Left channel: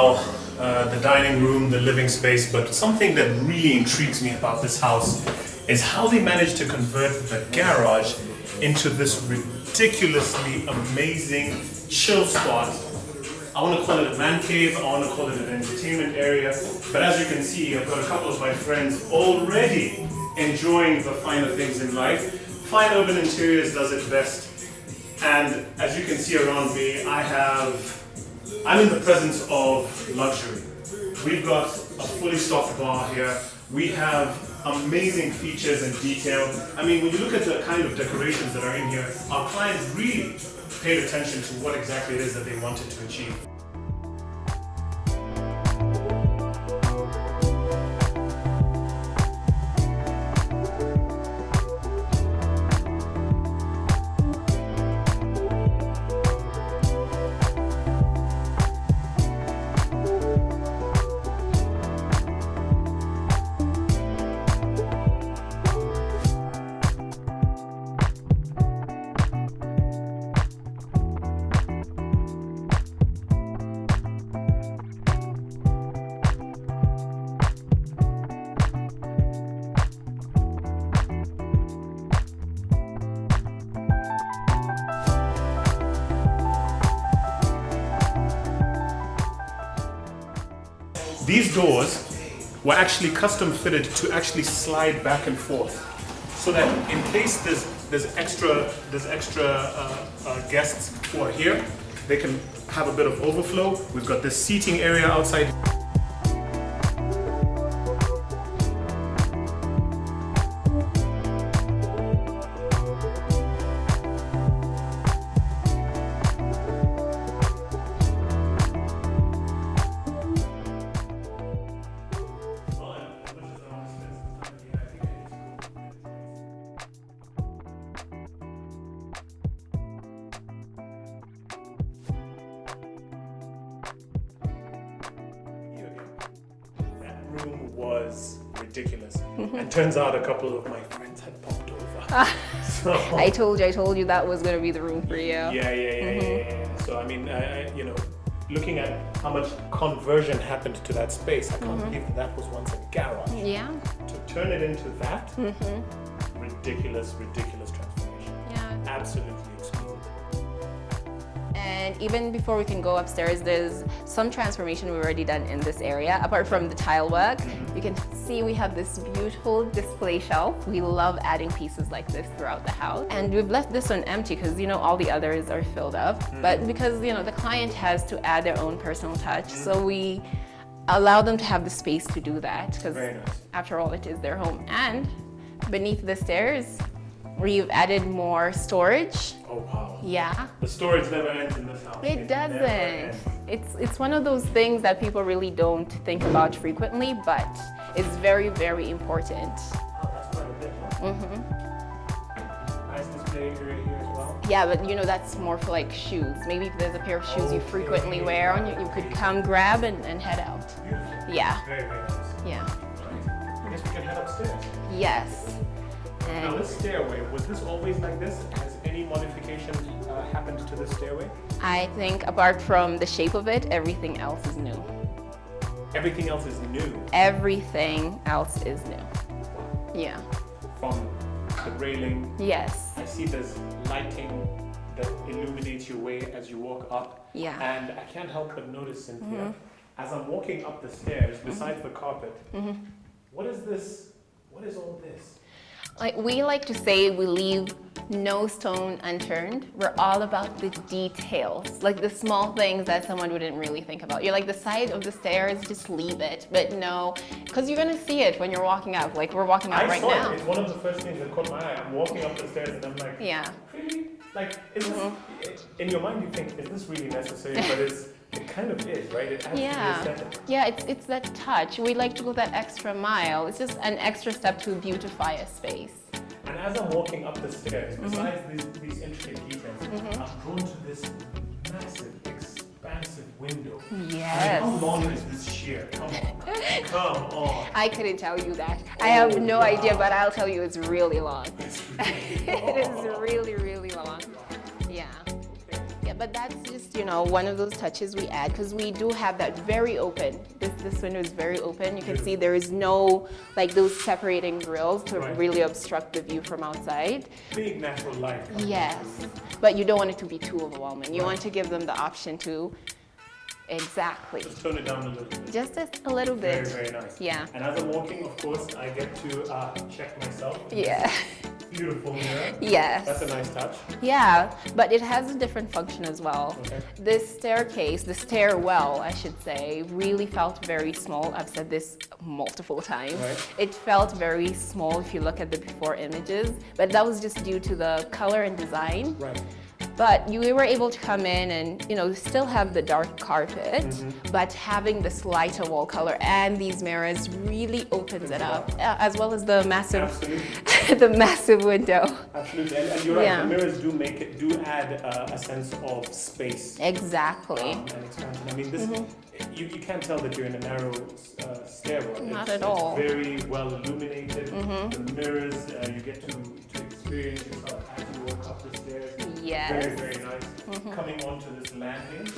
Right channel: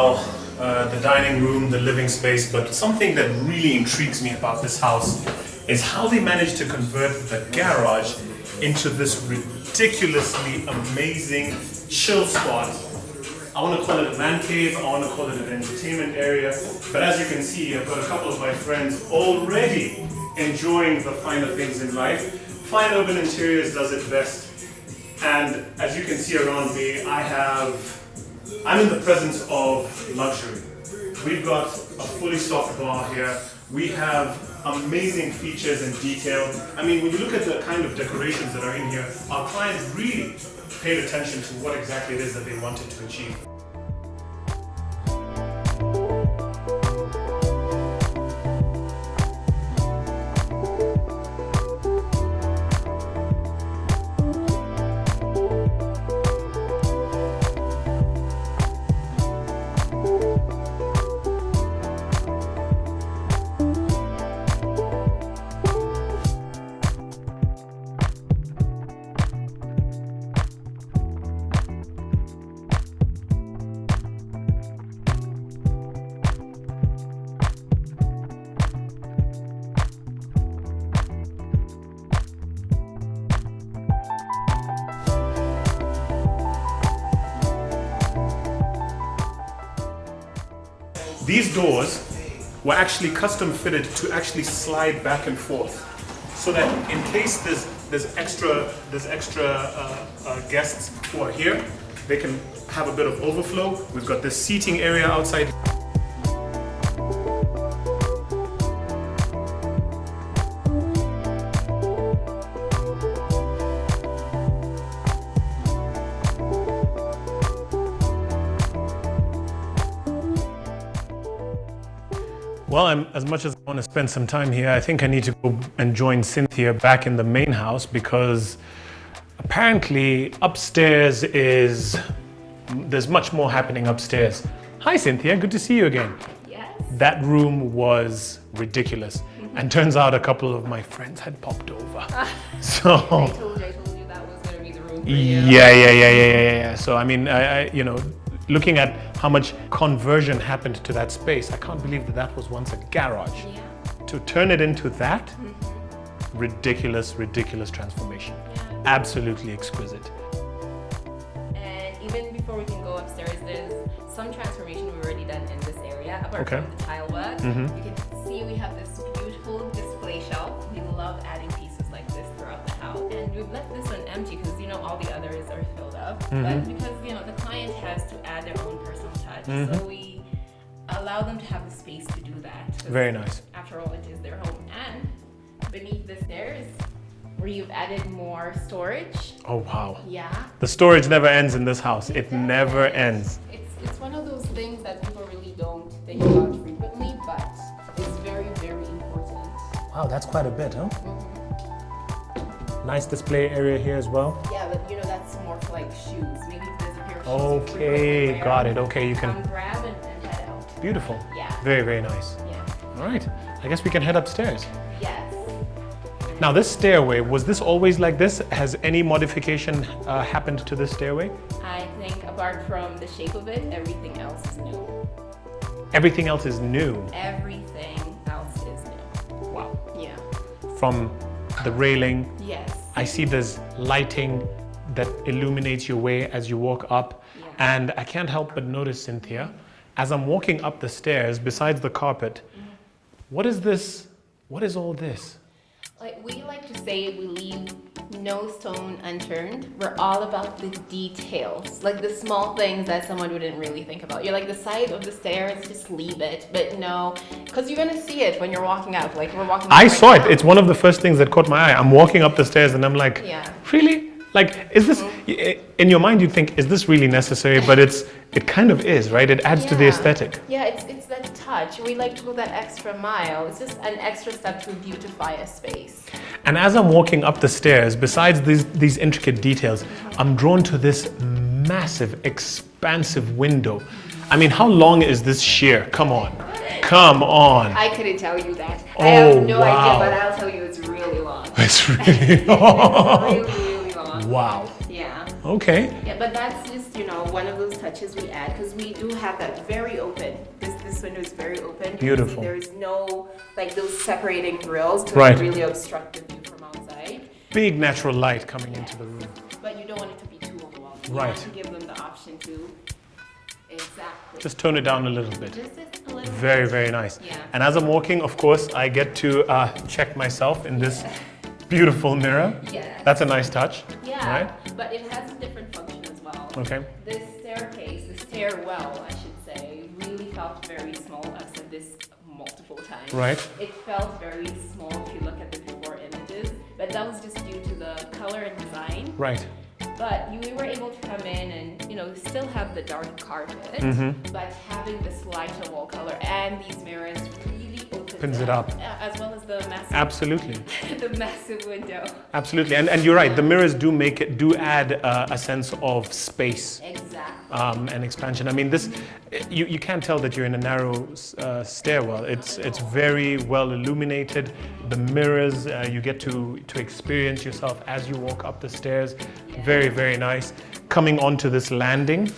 well, the dining room, the living space, but something that really intrigues me about this house is how they managed to convert the garage into this ridiculously amazing chill spot. I want to call it a man cave, I want to call it an entertainment area, but as you can see, I've got a couple of my friends already enjoying the finer things in life. Fine Urban Interiors does it best, and as you can see around me, I'm in the presence of luxury. We've got a fully stocked bar here. We have amazing features and detail. I mean, when you look at the kind of decorations that are in here, our clients really paid attention to what exactly it is that they wanted to achieve. These doors were actually custom fitted to actually slide back and forth, so that in case there's extra guests who are here, they can have a bit of overflow. We've got this seating area outside. Well, as much as I want to spend some time here, I think I need to go and join Cynthia back in the main house, because apparently upstairs there's much more happening upstairs. Hi Cynthia, good to see you again. Yes. That room was ridiculous, and turns out a couple of my friends had popped over. So I told you that was going to be the room for you. Yeah. So I mean, looking at how much conversion happened to that space, I can't believe that was once a garage. Yeah. To turn it into that, ridiculous transformation. Yeah. Absolutely exquisite. And even before we can go upstairs, there's some transformation we've already done in this area. Apart from the tile work, you can see we have this beautiful display shelf. We love adding pieces like this throughout the house. And we've left this one empty because, all the others are filled up. But because, the client has to add their own personal touch, so we allow them to have the space to do that. Very nice. After all, it is their home. And beneath the stairs, we've added more storage. Oh wow. Yeah. The storage never ends in this house. It doesn't. never ends. It's one of those things that people really don't think about frequently, but it's very, very important. Wow, that's quite a bit, huh? Nice display area here as well. Yeah, but that's more for like shoes. Maybe if there's a pair of shoes you frequently wear, got it. Okay, you come grab and head out. Beautiful. Yeah. Very, very nice. Yeah. All right, I guess we can head upstairs. Yes. Now this stairway, was this always like this? Has any modification happened to this stairway? I think apart from the shape of it, everything else is new. Everything else is new? Everything else is new. Wow. Yeah. From the railing. Yes. I see there's lighting that illuminates your way as you walk up. Yeah. And I can't help but notice, Cynthia, as I'm walking up the stairs, besides the carpet, what is this? What is all this? We like to say we leave no stone unturned. We're all about the details, like the small things that someone wouldn't really think about. You're like the side of the stairs, just leave it. But no, because you're gonna see it when you're walking up. Like we're walking up I right saw now. it. It's one of the first things that caught my eye. I'm walking up the stairs and I'm like, yeah. Really? Like, is this, in your mind you'd think, is this really necessary? But it kind of is, right? It adds to the aesthetic. Yeah, it's that touch. We like to go that extra mile. It's just an extra step to beautify a space. And as I'm walking up the stairs, besides these intricate details, I'm drawn to this massive, expansive window. Yes. I mean, how long is this sheer? Come on. Come on. I couldn't tell you that. I have no idea, but I'll tell you it's really long. It's really long. It's really, really long. Wow. Yeah. Okay. Yeah, but that's just you know, one of those touches we add, because we do have that very open. This window is very open. You Beautiful. can see there is no, like, those separating grills to Right. really obstruct the view from outside. Big natural light coming Yes, into the room. but you don't want it to be too overwhelming. You Right. want to give them the option to, exactly. Just tone it down a little bit. Just a little Very, bit. very nice. Yeah. And as I'm walking, of course, I get to check myself in Yeah. this beautiful mirror. Yes. That's a nice touch. Yeah, but it has a different function as well. Okay. This staircase, the stairwell, I should say, really felt very small. I've said this multiple times. Right. It felt very small if you look at the before images, but that was just due to the color and design. Right. But you were able to come in and, you know, still have the dark carpet, but having this lighter wall color and these mirrors really opens Opens it it up. up. As well as the massive, Absolutely. the massive window. Absolutely. And you're right. Yeah. The mirrors do add a sense of space. Exactly. And expansion. I mean, this you can't tell that you're in a narrow stairwell. It's at all. very well illuminated. The mirrors, you get to experience yourself as you walk up the stairs. Yes. Very, very nice. Coming onto this landing,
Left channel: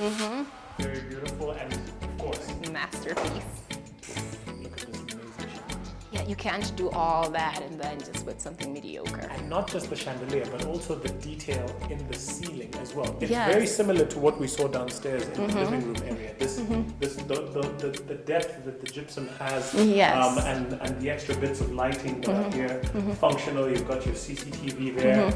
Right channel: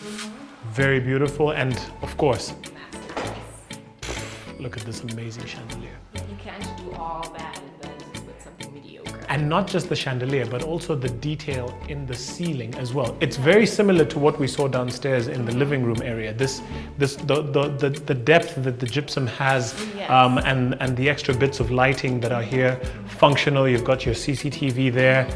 very beautiful, and of course, Masterpiece. look at this amazing chandelier. Yeah, you can't do all that and then just with something mediocre. And not just the chandelier, but also the detail in the ceiling as well. It's Yes. very similar to what we saw downstairs in the living room area. The depth that the gypsum has, Yes. and the extra bits of lighting that are here, functional. You've got your CCTV there.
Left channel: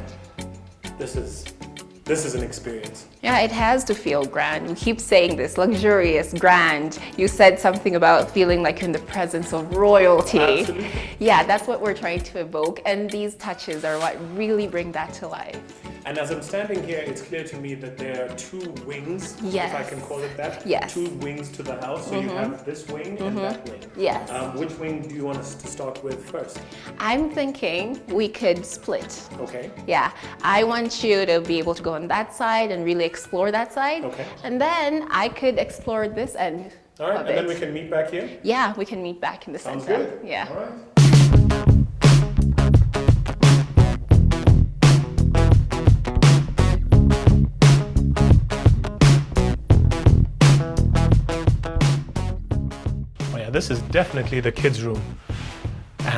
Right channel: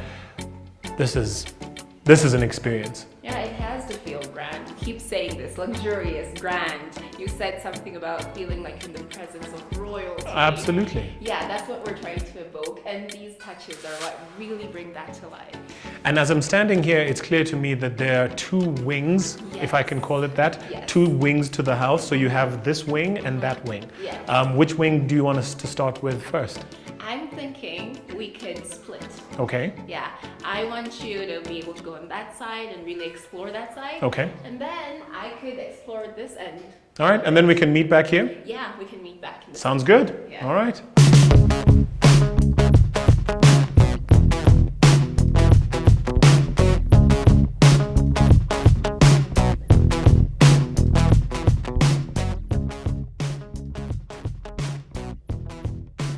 This is an experience. Yeah, it has to feel grand. You keep saying this, luxurious, grand. You said something about feeling like you're in the presence of royalty. Absolutely. Yeah, that's what we're trying to evoke, and these touches are what really bring that to life. And as I'm standing here, it's clear to me that there are two wings, if I can call it that. Yes. Two wings to the house. So you have this wing and that wing. Yes. Which wing do you want us to start with first? I'm thinking we could split. Okay. Yeah, I want you to be able to go on that side and really explore that side. Okay. And then I could explore this end. All right. of And then it. we can meet back here. Yeah, we can meet back in the Sounds center. good. Yeah. All right. Oh yeah, this is definitely the kids' room.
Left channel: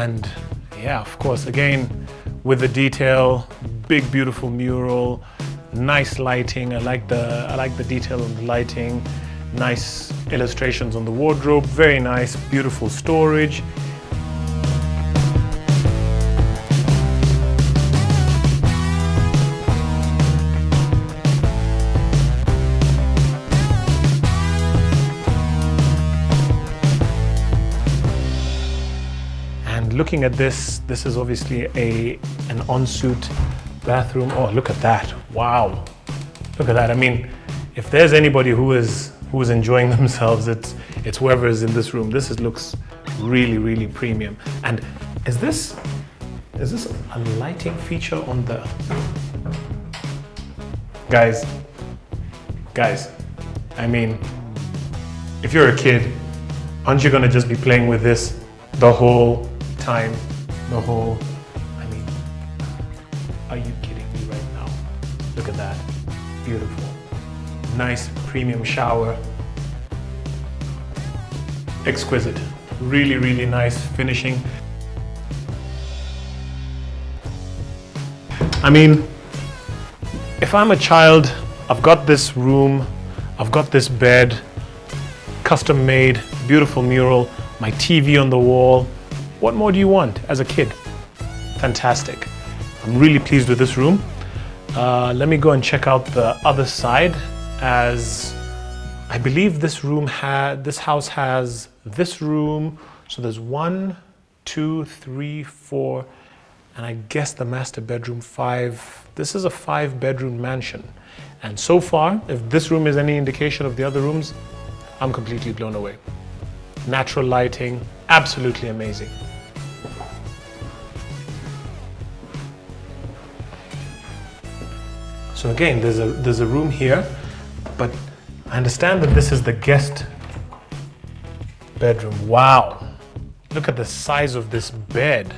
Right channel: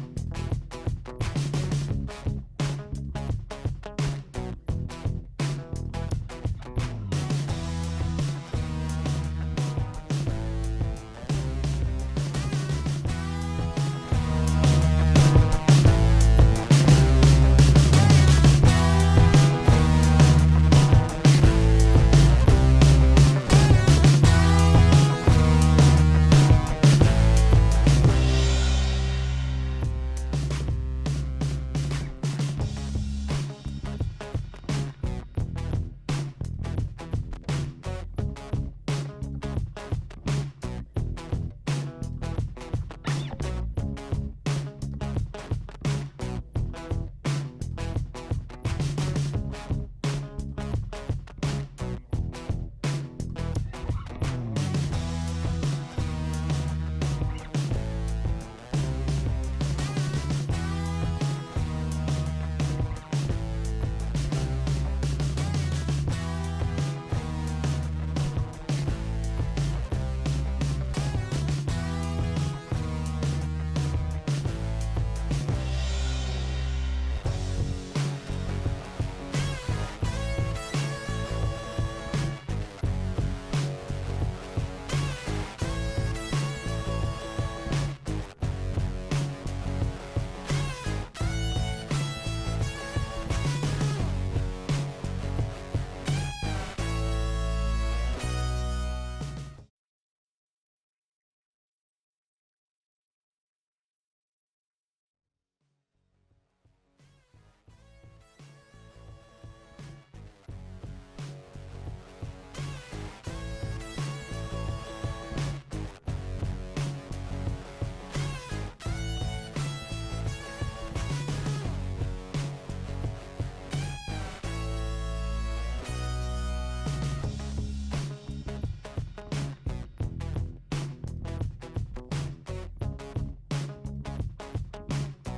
And yeah, of course, again, with the detail, big, beautiful mural, nice lighting. I like the detail of the lighting. Nice illustrations on the wardrobe. Very nice, beautiful storage. And looking at this is obviously an ensuite bathroom. Oh, look at that. Wow. Look at that. I mean, if there's anybody who is enjoying themselves, it's whoever is in this room. Looks really, really premium. And is this a lighting feature on the guys? I mean, if you're a kid, aren't you gonna just be playing with this the whole time? I mean, are you kidding me right now? Look at that. Beautiful. Nice premium shower. Exquisite. Really, really nice finishing. I mean, if I'm a child, I've got this room, I've got this bed, custom made, beautiful mural, my TV on the wall. What more do you want as a kid? Fantastic. I'm really pleased with this room. Let me go and check out the other side, as I believe this house has this room. So there's 1, 2, 3, 4, and I guess the master bedroom 5. This is a 5-bedroom mansion. And so far, if this room is any indication of the other rooms, I'm completely blown away. Natural lighting, absolutely amazing. So again, there's a room here, but I understand that this is the guest bedroom. Wow, look at the size of this bed.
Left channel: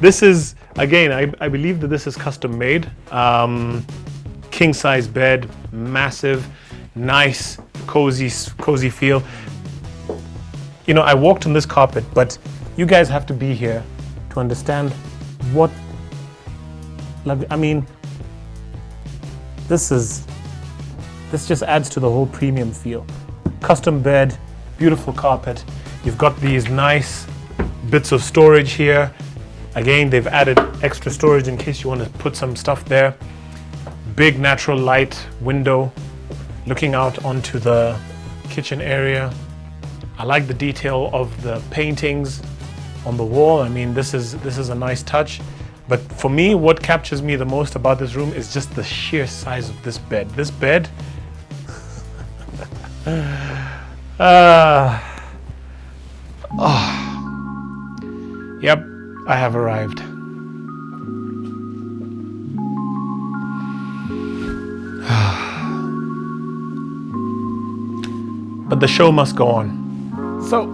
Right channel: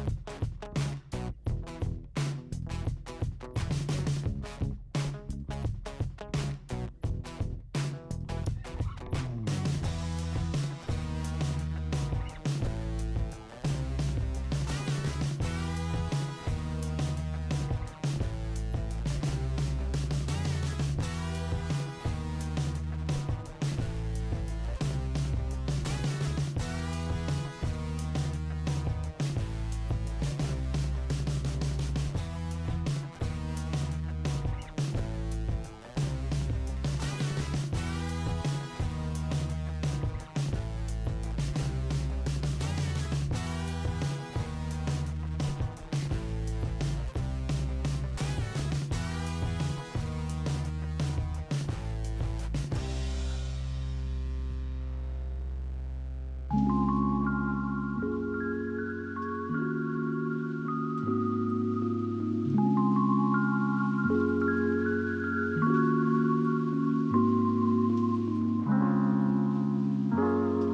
This is again, I believe that this is custom made. King size bed, massive, nice, cozy feel. You know, I walked on this carpet, but you guys have to be here to understand what, I mean, this just adds to the whole premium feel. Custom bed, beautiful carpet. You've got these nice bits of storage here. Again, they've added extra storage in case you want to put some stuff there. Big natural light window looking out onto the kitchen area. I like the detail of the paintings on the wall. I mean, this is a nice touch. But for me, what captures me the most about this room is just the sheer size of this bed. This bed, yep, I have arrived. But the show must go on. So,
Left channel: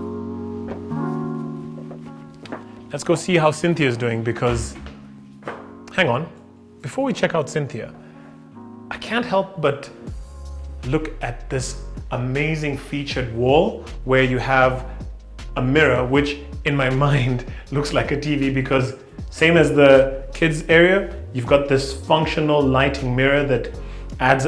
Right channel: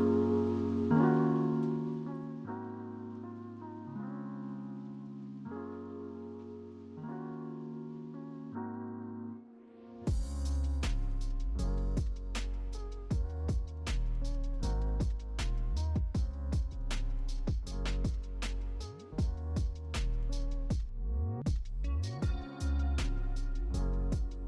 let's go see how Cynthia's doing, because, hang on, before we check out Cynthia, I can't help but look at this amazing featured wall where you have a mirror, which in my mind looks like a TV, because same as the kids area, you've got this functional lighting mirror that adds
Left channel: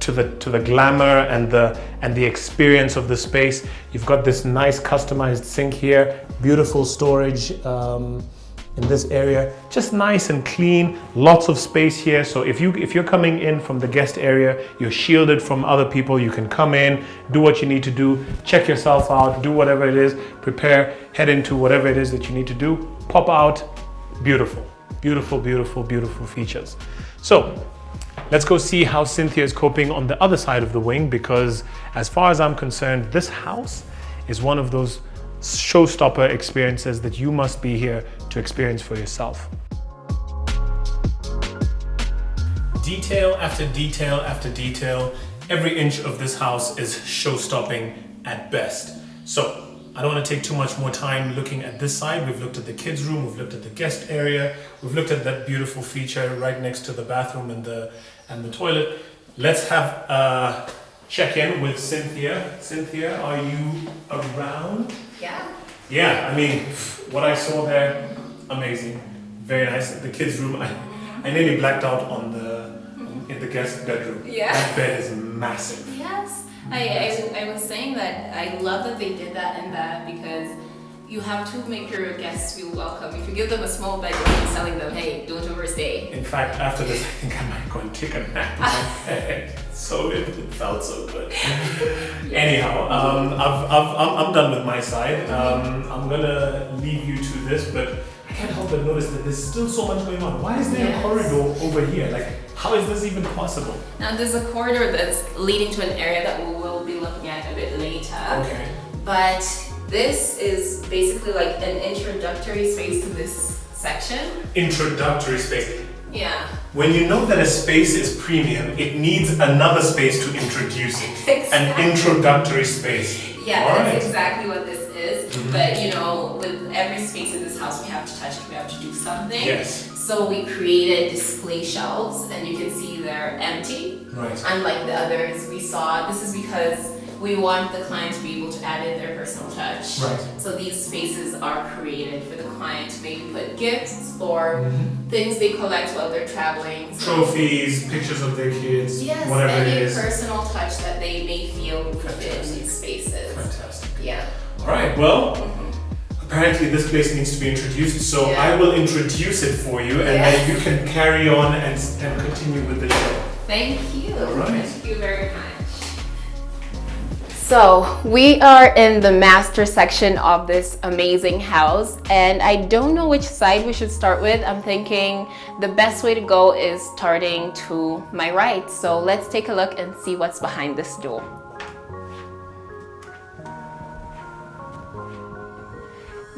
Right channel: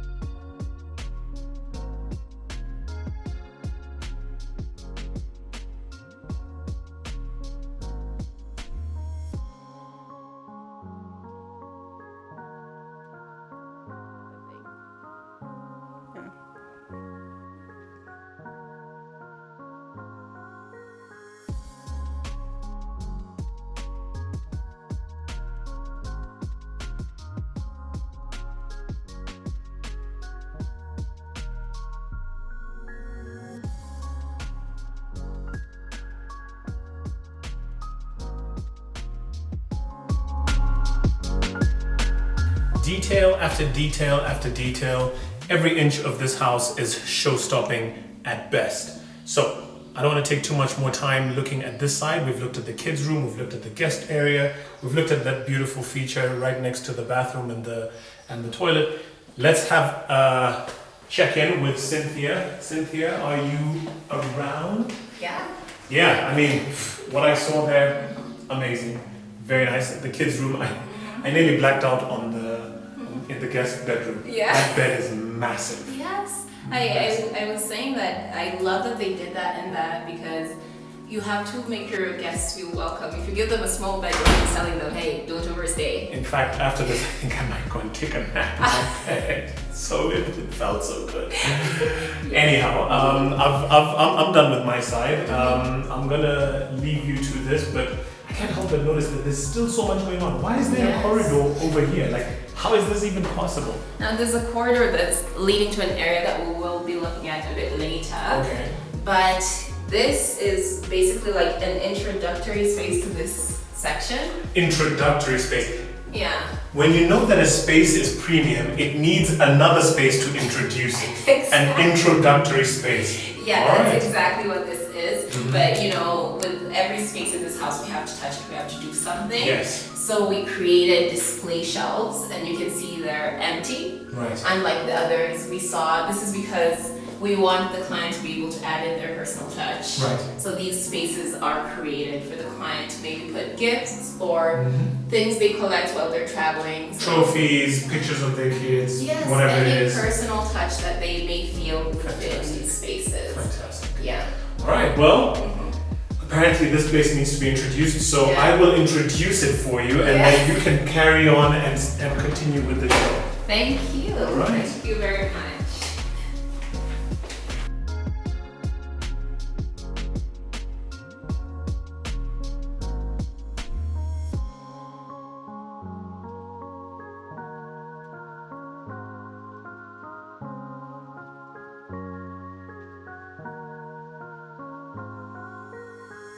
to the glamour and the experience of the space. You've got this nice customized sink here, beautiful storage in this area, just nice and clean, lots of space here. So if you're coming in from the guest area, you're shielded from other people. You can come in, do what you need to do, check yourself out, do whatever it is, prepare, head into whatever it is that you need to do, pop out. Beautiful, beautiful, beautiful, beautiful features. So let's go see how Cynthia is coping on the other side of the wing, because as far as I'm concerned, this house is one of those showstopper experiences that you must be here to experience for yourself. Detail after detail after detail, every inch of this house is show-stopping at best. So I don't want to take too much more time looking at this side. We've looked at the kids' room, we've looked at the guest area, we've looked at that beautiful feature right next to the bathroom and the toilet. Let's have a check-in with Cynthia. Cynthia, are you around? Yeah. Yeah, I mean, what I saw there, amazing. Very nice. The kids' room, I nearly blacked out in the guest bedroom. Yeah. That bed is massive. Yes. I was saying that I love that they did that and that, because you have to make your guests feel welcome. If you give them a small bedroom, you're telling them, hey, don't overstay. In fact, after this, I think I might go and take a nap in my bed. So it felt so good. Anyhow, I'm done with my side. I'm gonna leave you to this, but I can't help but notice that there's still so much going on. Why is there a corridor over here? Like, how is this even possible? Now there's a corridor that's leading to an area that we will be looking at a bit later. Okay. But this is basically like an introductory space to this section. Introductory space. Yeah. When you know that a space is premium, it needs another space to introduce it. Exactly. An introductory space. Yeah, All that's right. exactly what this is. Mhm. But you know, with every space in this house, we have to touch it, we have to do something. Yes. So we created display shelves, and you can see they're empty. Right. Unlike the others we saw, this is because we want the client to be able to add in their personal touch. Right. So these spaces are created for the client to maybe put gifts or things they collect while they're traveling. So Trophies, pictures of their kids, yes, whatever it any is. personal touch that they may feel would fit in Fantastic. these spaces. Fantastic. Yeah. All right, well, apparently this place needs to be introduced, so Yeah. I will introduce it for you, and Yeah. then you can carry on and continue with the show. Thank you. All right. Thank you very much. So we are in the master section of this amazing house, and I don't know which side we should start with. I'm thinking the best way to go is starting to my right. So let's take a look and see what's behind this door.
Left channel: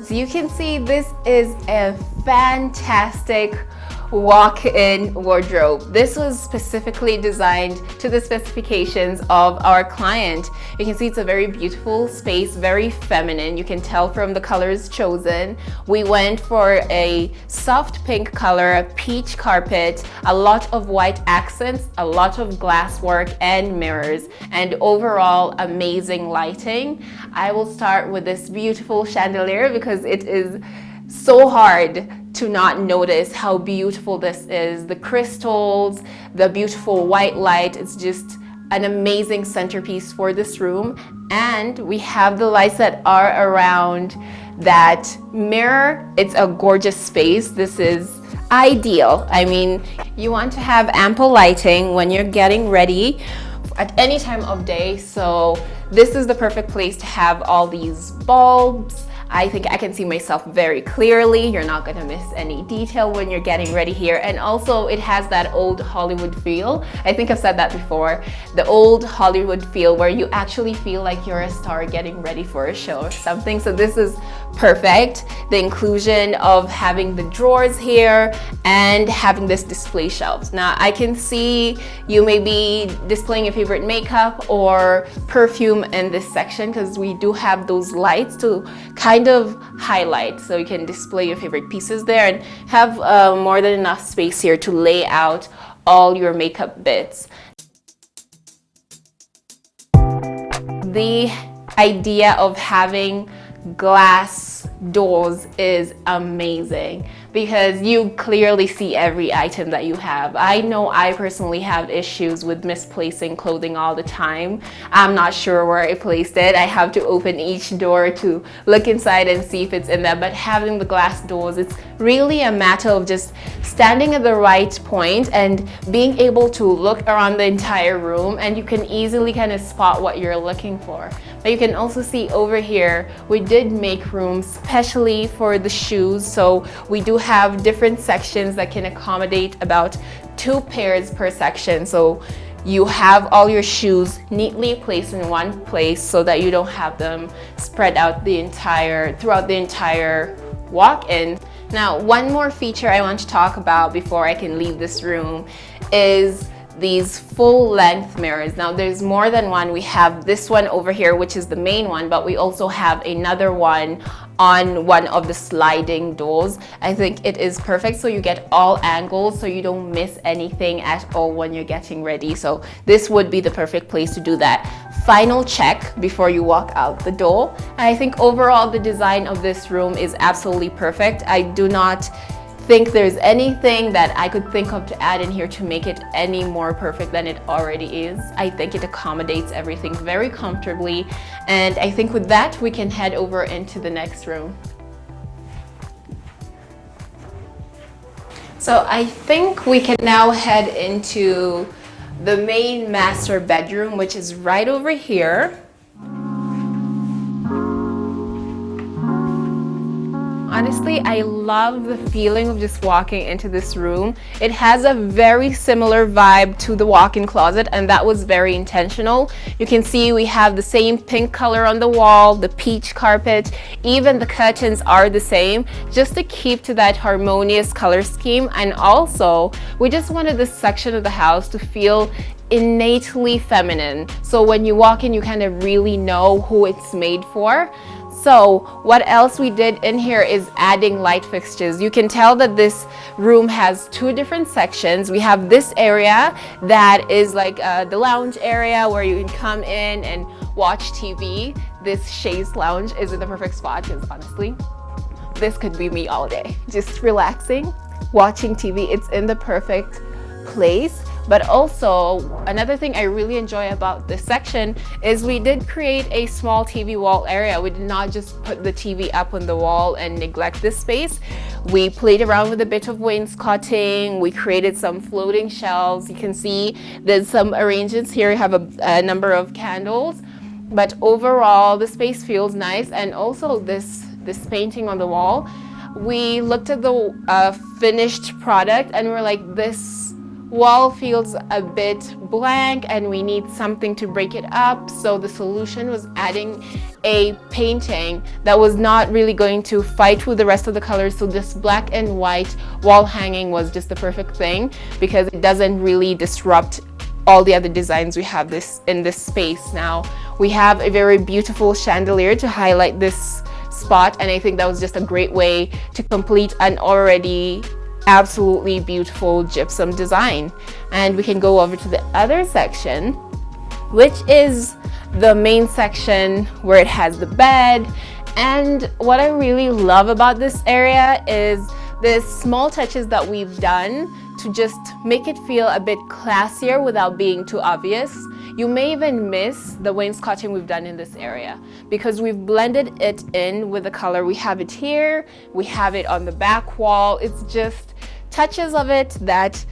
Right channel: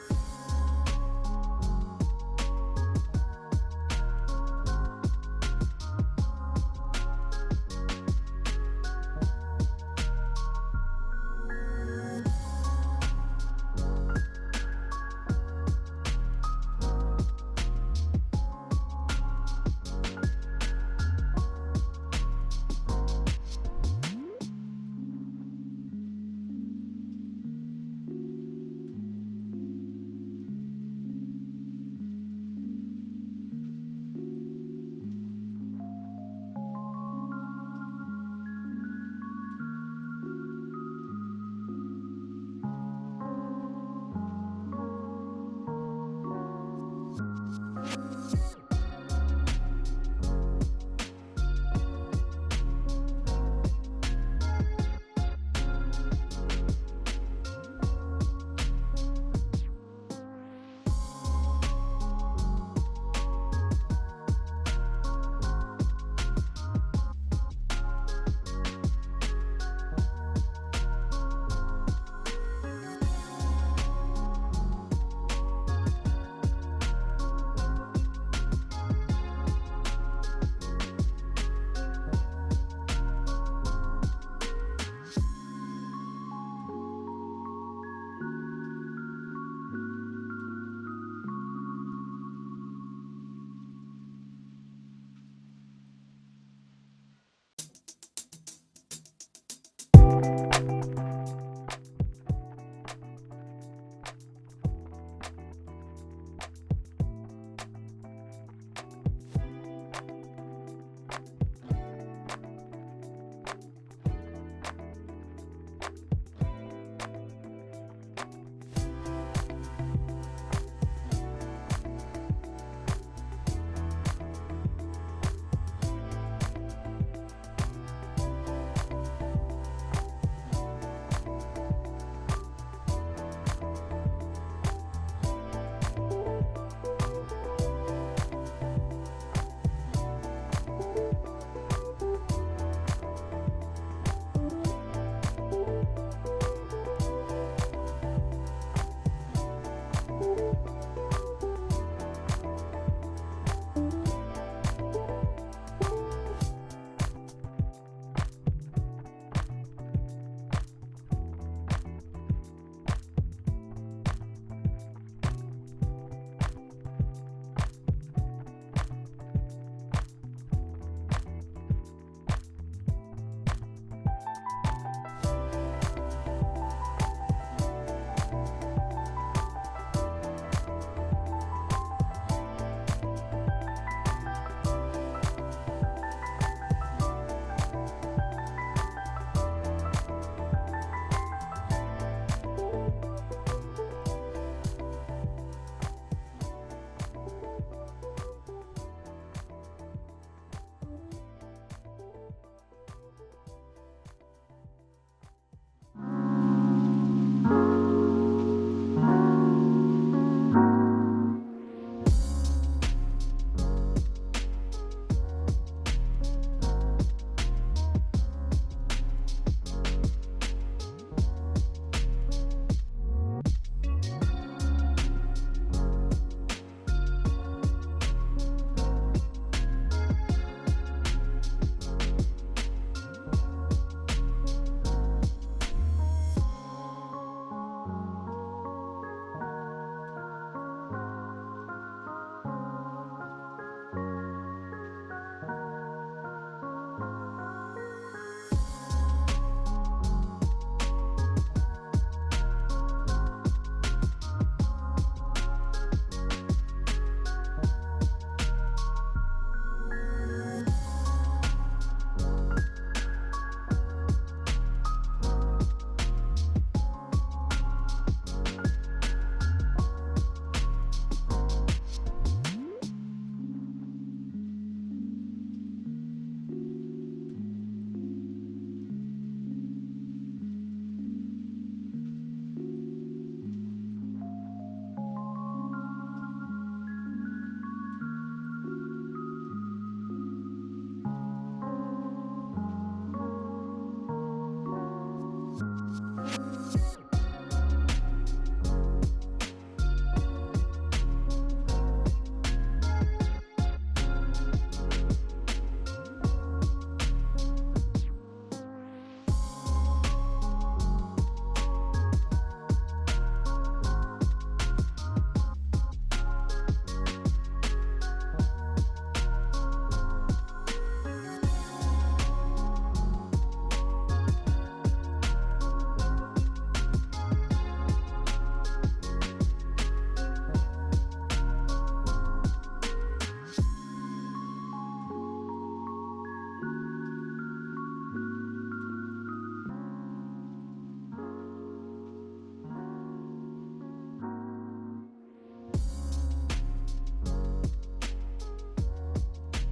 So you can see this is a fantastic walk-in wardrobe. This was specifically designed to the specifications of our client. You can see it's a very beautiful space, very feminine. You can tell from the colors chosen. We went for a soft pink color, a peach carpet, a lot of white accents, a lot of glass work and mirrors, and overall amazing lighting. I will start with this beautiful chandelier because it is so hard to not notice how beautiful this is. The crystals, the beautiful white light, it's just an amazing centerpiece for this room. And we have the lights that are around that mirror. It's a gorgeous space. This is ideal. I mean, you want to have ample lighting when you're getting ready at any time of day. So this is the perfect place to have all these bulbs. I think I can see myself very clearly. You're not gonna miss any detail when you're getting ready here. And also it has that old Hollywood feel. I think I've said that before. The old Hollywood feel where you actually feel like you're a star getting ready for a show or something. So this is perfect. The inclusion of having the drawers here and having this display shelves. Now I can see you may be displaying your favorite makeup or perfume in this section because we do have those lights to kind of highlight, so you can display your favorite pieces there and have more than enough space here to lay out all your makeup bits. The idea of having glass doors is amazing because you clearly see every item that you have. I know I personally have issues with misplacing clothing all the time. I'm not sure where I placed it. I have to open each door to look inside and see if it's in there. But having the glass doors, it's really a matter of just standing at the right point and being able to look around the entire room, and you can easily kind of spot what you're looking for. But you can also see over here, we did make room especially for the shoes. So we do have different sections that can accommodate about 2 pairs per section. So you have all your shoes neatly placed in one place so that you don't have them spread out throughout the entire walk-in. Now, one more feature I want to talk about before I can leave this room is these full-length mirrors. Now there's more than one. We have this one over here, which is the main one, but we also have another one on one of the sliding doors. I think it is perfect, so you get all angles, so you don't miss anything at all when you're getting ready. So this would be the perfect place to do that final check before you walk out the door. And I think overall the design of this room is absolutely perfect. I do not think there's anything that I could think of to add in here to make it any more perfect than it already is. I think it accommodates everything very comfortably, and I think with that we can head over into the next room. So I think we can now head into the main master bedroom, which is right over here. Honestly, I love the feeling of just walking into this room. It has a very similar vibe to the walk-in closet, and that was very intentional. You can see we have the same pink color on the wall, the peach carpet, even the curtains are the same, just to keep to that harmonious color scheme. And also, we just wanted this section of the house to feel innately feminine. So when you walk in, you kind of really know who it's made for. So what else we did in here is adding light fixtures. You can tell that this room has 2 different sections. We have this area that is like the lounge area where you can come in and watch TV. This chaise lounge is in the perfect spot because honestly, this could be me all day. Just relaxing, watching TV. It's in the perfect place. But also, another thing I really enjoy about this section is we did create a small TV wall area. We did not just put the TV up on the wall and neglect this space. We played around with a bit of wainscoting. We created some floating shelves. You can see there's some arrangements here. You have a number of candles. But overall, the space feels nice. And also this painting on the wall, we looked at the finished product and we're like, this wall feels a bit blank and we need something to break it up. So the solution was adding a painting that was not really going to fight with the rest of the colors. So this black and white wall hanging was just the perfect thing because it doesn't really disrupt all the other designs we have in this space. Now we have a very beautiful chandelier to highlight this spot, and I think that was just a great way to complete an already absolutely beautiful gypsum design. And we can go over to the other section, which is the main section where it has the bed. And what I really love about this area is the small touches that we've done to just make it feel a bit classier without being too obvious. You may even miss the wainscoting we've done in this area because we've blended it in with the color. We have it here, we have it on the back wall. It's just touches of it that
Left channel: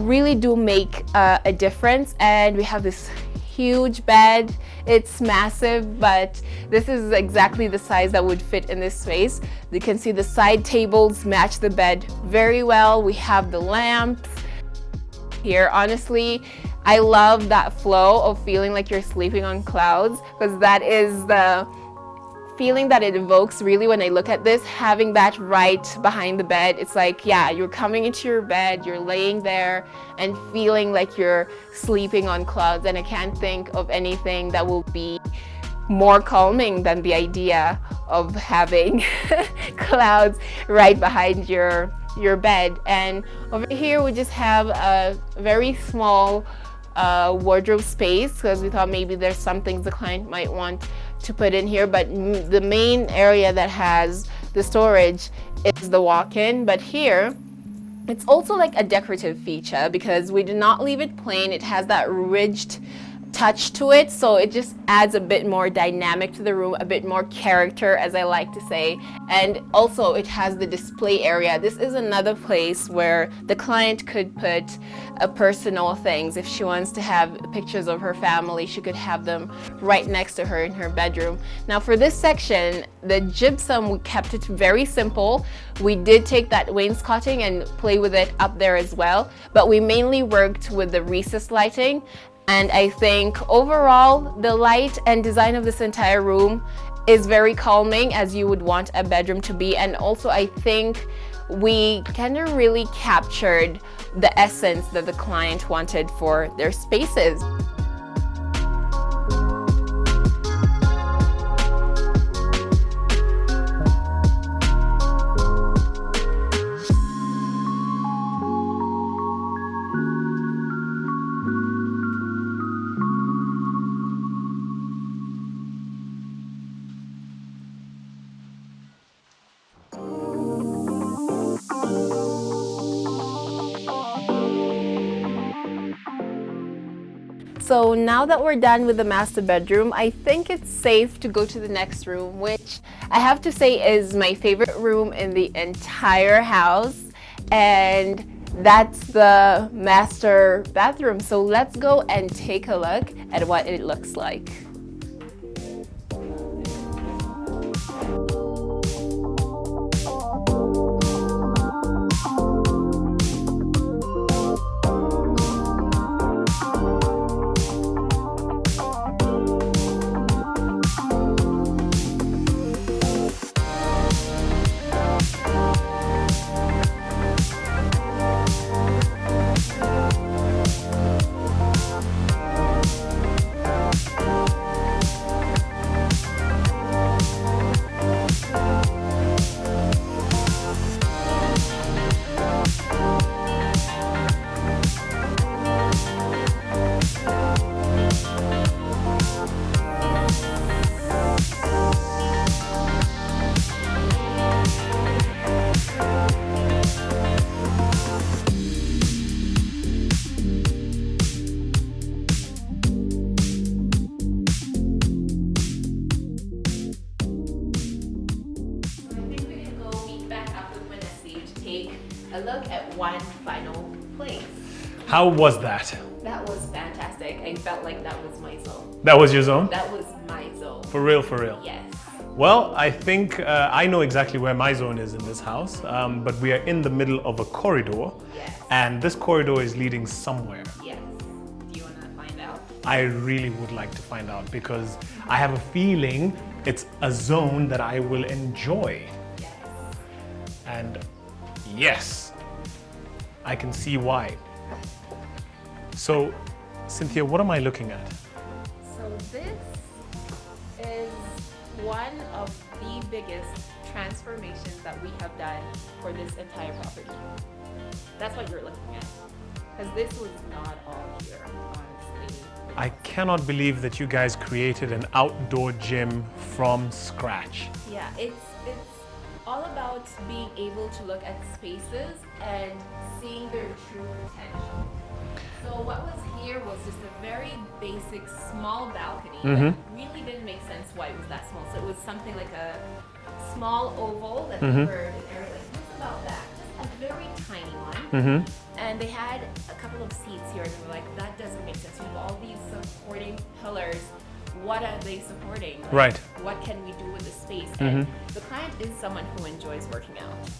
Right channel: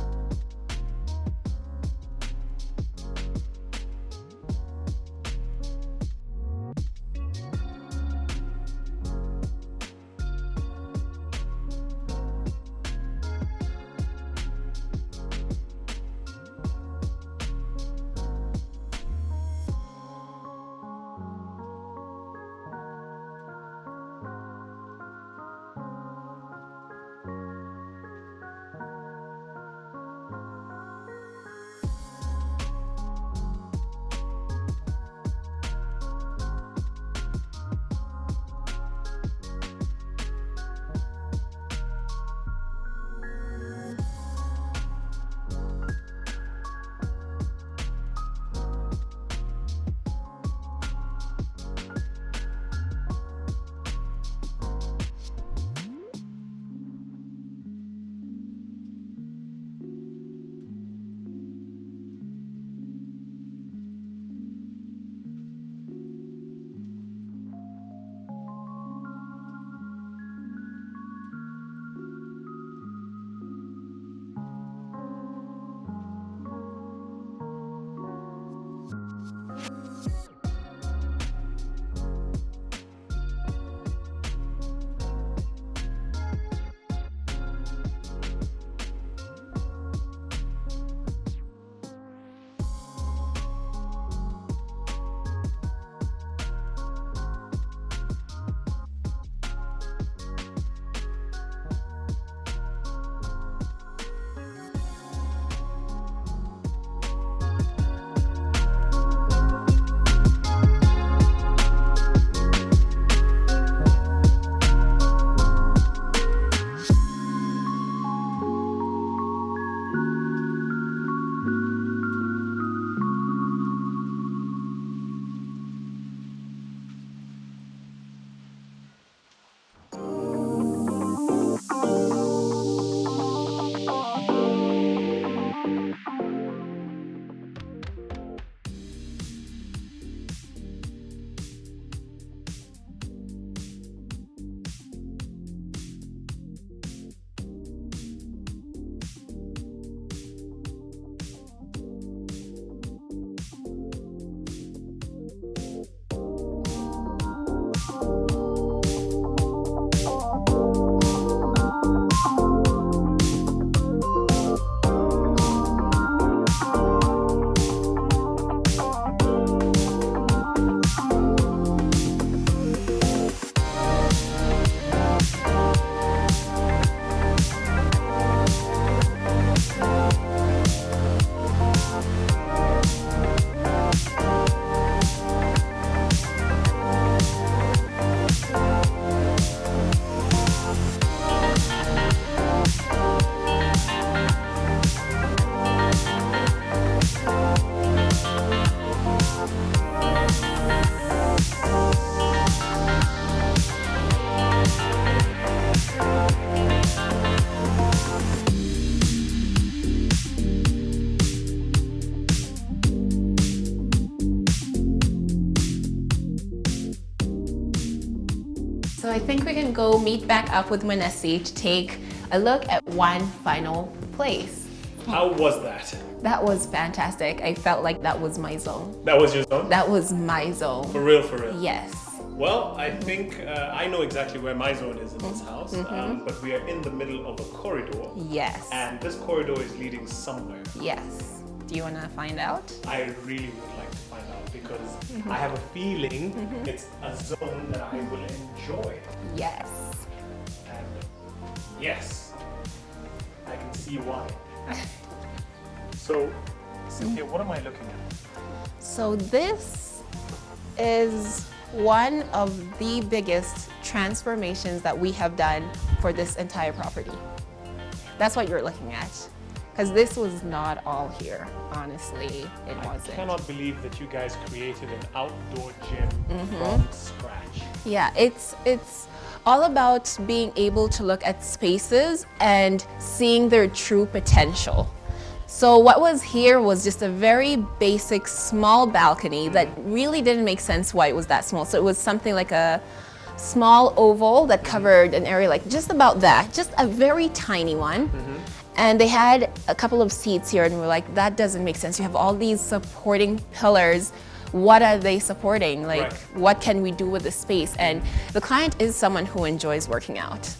really do make a difference. And we have this huge bed. It's massive, but this is exactly the size that would fit in this space. You can see the side tables match the bed very well. We have the lamps here. Honestly, I love that flow of feeling like you're sleeping on clouds, because that is the feeling that it evokes really when I look at this. Having that right behind the bed, it's like, yeah, you're coming into your bed, you're laying there and feeling like you're sleeping on clouds. And I can't think of anything that will be more calming than the idea of having clouds right behind your bed. And over here we just have a very small wardrobe space, because we thought maybe there's some things the client might want to put in here, but the main area that has the storage is the walk-in. But here it's also like a decorative feature because we do not leave it plain. It has that ridged touch to it, so it just adds a bit more dynamic to the room, a bit more character, as I like to say. And also it has the display area. This is another place where the client could put personal things. If she wants to have pictures of her family, she could have them right next to her in her bedroom. Now for this section, the gypsum, we kept it very simple. We did take that wainscoting and play with it up there as well, but we mainly worked with the recessed lighting. And I think overall, the light and design of this entire room is very calming, as you would want a bedroom to be. And also I think we kind of really captured the essence that the client wanted for their spaces. So now that we're done with the master bedroom, I think it's safe to go to the next room, which I have to say is my favorite room in the entire house, and that's the master bathroom. So let's go and take a look at what it looks like. So I think we can go meet back up with Manesi to take a look at one final place. How was that? That was fantastic. I felt like that was my zone. That was your zone? That was my zone. For real, for real? Yes. Well, I think I know exactly where my zone is in this house, but we are in the middle of a corridor. Yes. And this corridor is leading somewhere. Yes. Do you want to find out? I really would like to find out because I have a feeling it's a zone that I will enjoy. Yes. And yes, I can see why. So, Cynthia, what am I looking at? So this is one of the biggest transformations that we have done for this entire property. That's what you're looking at. Because this was not all here, honestly. It I wasn't. cannot believe that you guys created an outdoor gym from scratch. Yeah, it's all about being able to look at spaces and seeing their true potential. So what was here was just a very basic small balcony that really didn't make sense why it was that small. So it was something like a small oval that covered an area like just about that, just a very tiny one. And they had a couple of seats here and we're like, that doesn't make sense. You have all these supporting pillars. What are they supporting? Like, what can we do with the space? And the client is someone who enjoys working out.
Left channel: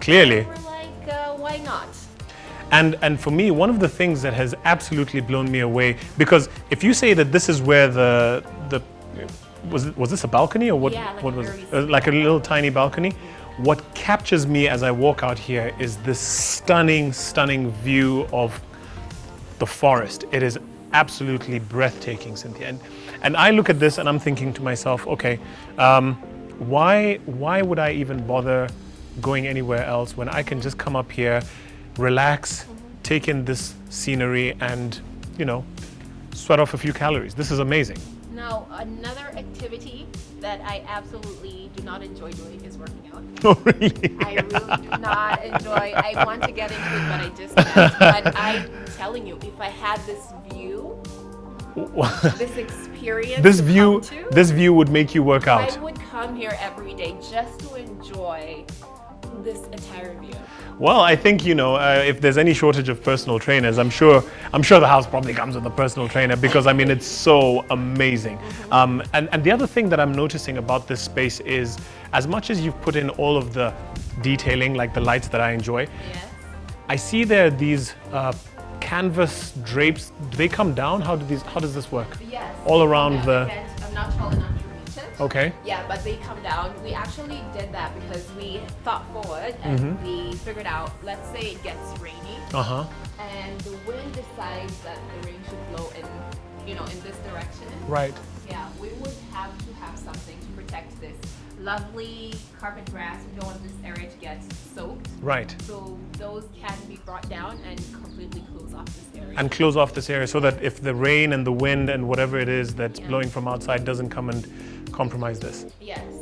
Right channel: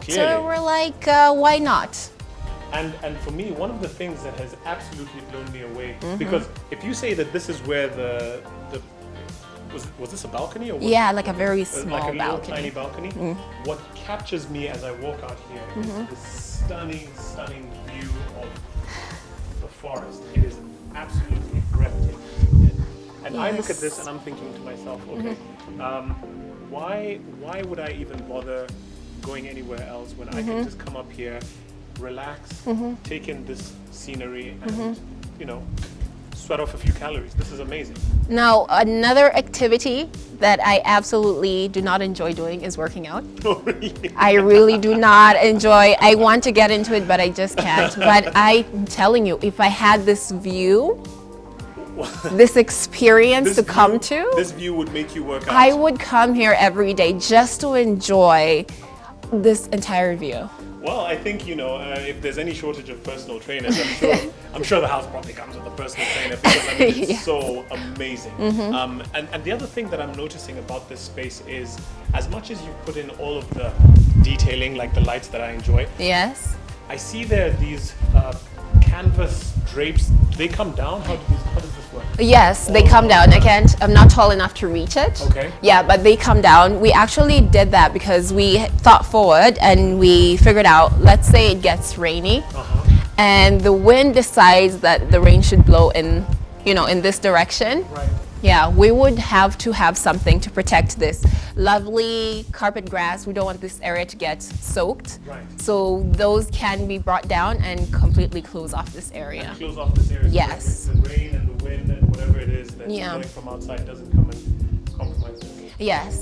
Clearly. So we're like, why not? And for me, one of the things that has absolutely blown me away, because if you say that this is where the was this a balcony or what? Yeah, like what a very small like a little balcony. tiny balcony. What captures me as I walk out here is this stunning view of the forest. It is absolutely breathtaking, Cynthia. And I look at this and I'm thinking to myself, okay, why would I even bother going anywhere else when I can just come up here, relax, take in this scenery and, you know, sweat off a few calories. This is amazing. Now, another activity that I absolutely do not enjoy doing is working out. Oh, really? I really do not enjoy. I want to get into it, but I just can't. But I'm telling you, if I had this view, this experience come to, this view would make you work out. I would come here every day just to enjoy this entire view. Well, I think, you know, if there's any shortage of personal trainers, I'm sure the house probably comes with a personal trainer because I mean it's so amazing. And the other thing that I'm noticing about this space is, as much as you've put in all of the detailing, like the lights that I enjoy, Yes. I see there these canvas drapes. Do they come down? How does this work? Yes, All they come around down. I'm not tall enough to reach it. Okay. Yeah, but they come down. We actually did that because we thought forward and we figured out, let's say it gets rainy and the wind decides that the rain should blow in, you know, in this direction. Right. Yeah, we would have to have something to protect this lovely carpet grass. We don't want this area to get soaked. Right. So those can be brought down and completely close off this area. And close off this area so that Yes. if the rain and the wind and whatever it is that's Yeah. blowing from outside doesn't come and compromise this. Yes.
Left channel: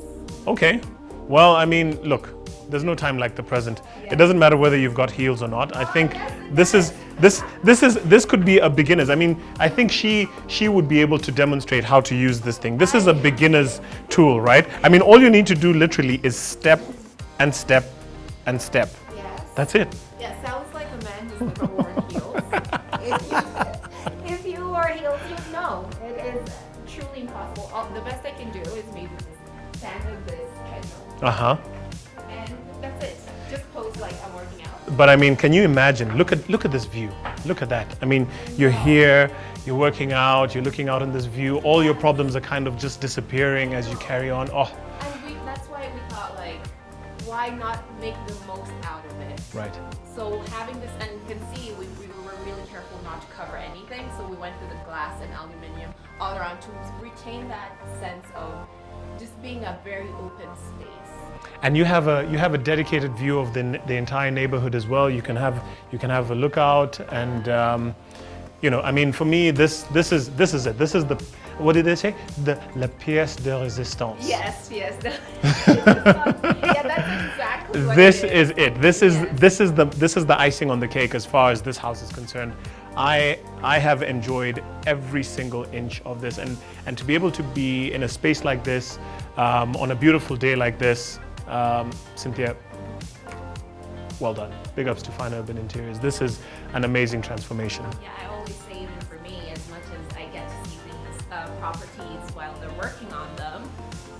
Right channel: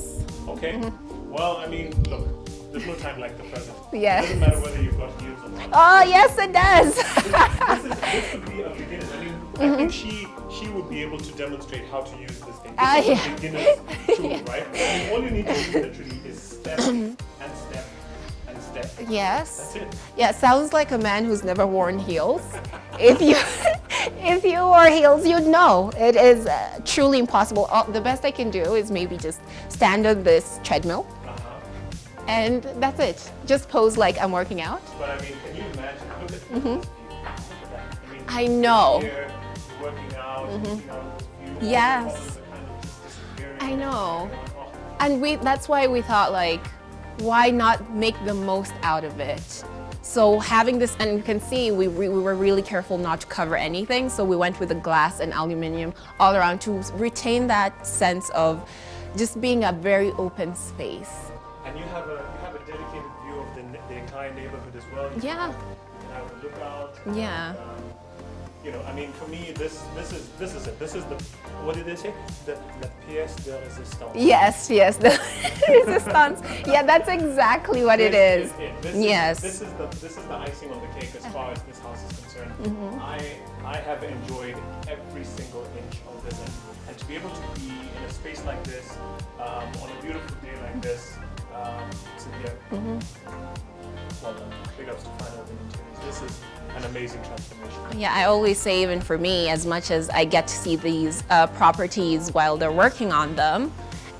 Okay. Well, I mean, look, there's no time like the present. Yes. It doesn't matter whether you've got heels or not. Oh, yes, it does. This could be a beginner's. I mean, I think she would be able to demonstrate how to use this thing. This is a beginner's tool, right? I mean, all you need to do literally is step and step and step. Yes. That's it. Yeah, sounds like a man who's never worn heels. If you wore heels, you'd know. It is truly impossible. The best I can do is maybe just stand on this treadmill. And that's it. Just pose like I'm working out. But I mean, can you imagine? Look at this view. Look at that. I mean, I you're know. here, you're working out, you're looking out on this view. All your Yes. problems are kind of just disappearing I as you know. carry on. Oh, And that's why we thought, like, why not make the most out of it? right. So having this, and you can see we were really careful not to cover anything. So we went with the glass and aluminum all around to retain that sense of just being a very open space. And you have a dedicated view of the entire neighborhood as well. You can have a lookout, and you know, I mean, for me, this is it. This is the, what did they say? La pièce de résistance. Yes, the resistance. Yeah, that's exactly what This it is. is it. This is the icing on the cake as far as this house is concerned. I have enjoyed every single inch of this, and to be able to be in a space like this on a beautiful day like this. Cynthia, well done. Big ups to Fine Urban Interiors. This is an amazing transformation. Yeah, I always say, even for me, as much as I get to see these properties while they're working on them,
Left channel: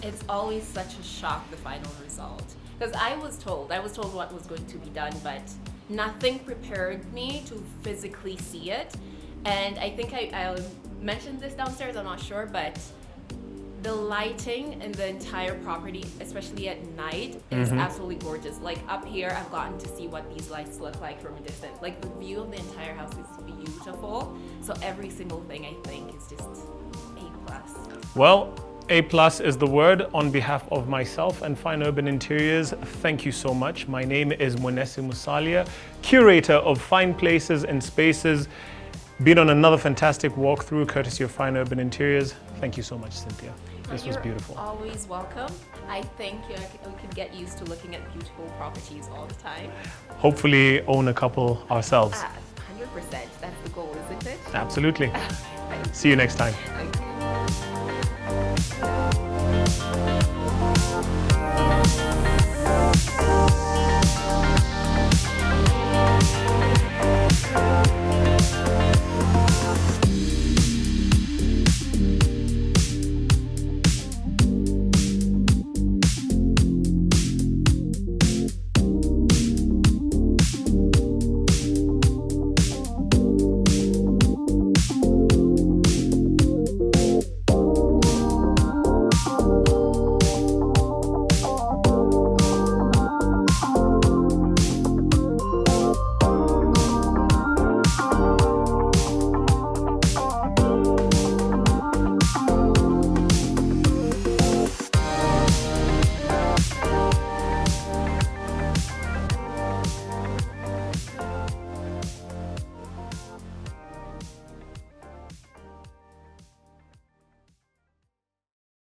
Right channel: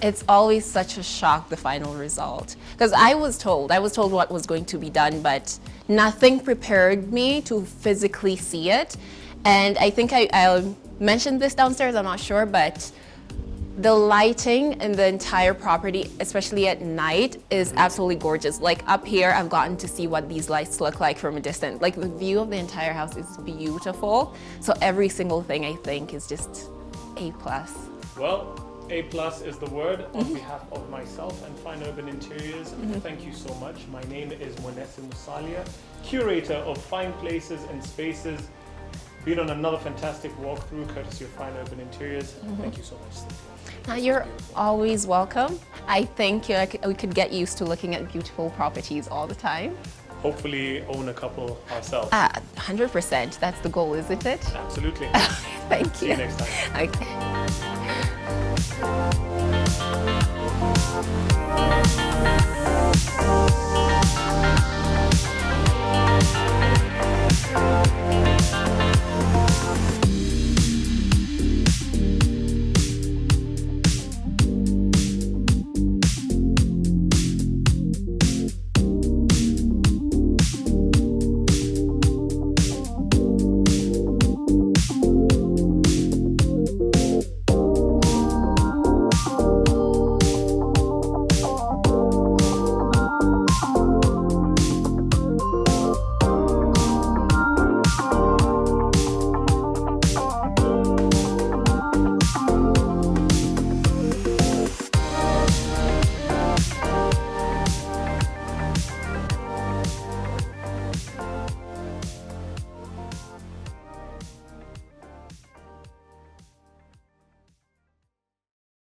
It's always such a shock, the final result. Because I was told what was going to be done, but nothing prepared me to physically see it. And I think I mentioned this downstairs, I'm not sure, but the lighting in the entire property, especially at night, is absolutely gorgeous. Like up here, I've gotten to see what these lights look like from a distance. Like the view of the entire house is beautiful. So every single thing I think is just A+. Well, A+ is the word on behalf of myself and Fine Urban Interiors. Thank you so much. My name is Monese Musalia, curator of Fine Places and Spaces. Been on another fantastic walkthrough courtesy of Fine Urban Interiors. Thank you so much, Cynthia. You're always welcome. I think we could get used to looking at beautiful properties all the time. Hopefully own a couple ourselves. 100%. That's the goal, isn't it? Absolutely. Thank you. See you next time. Okay.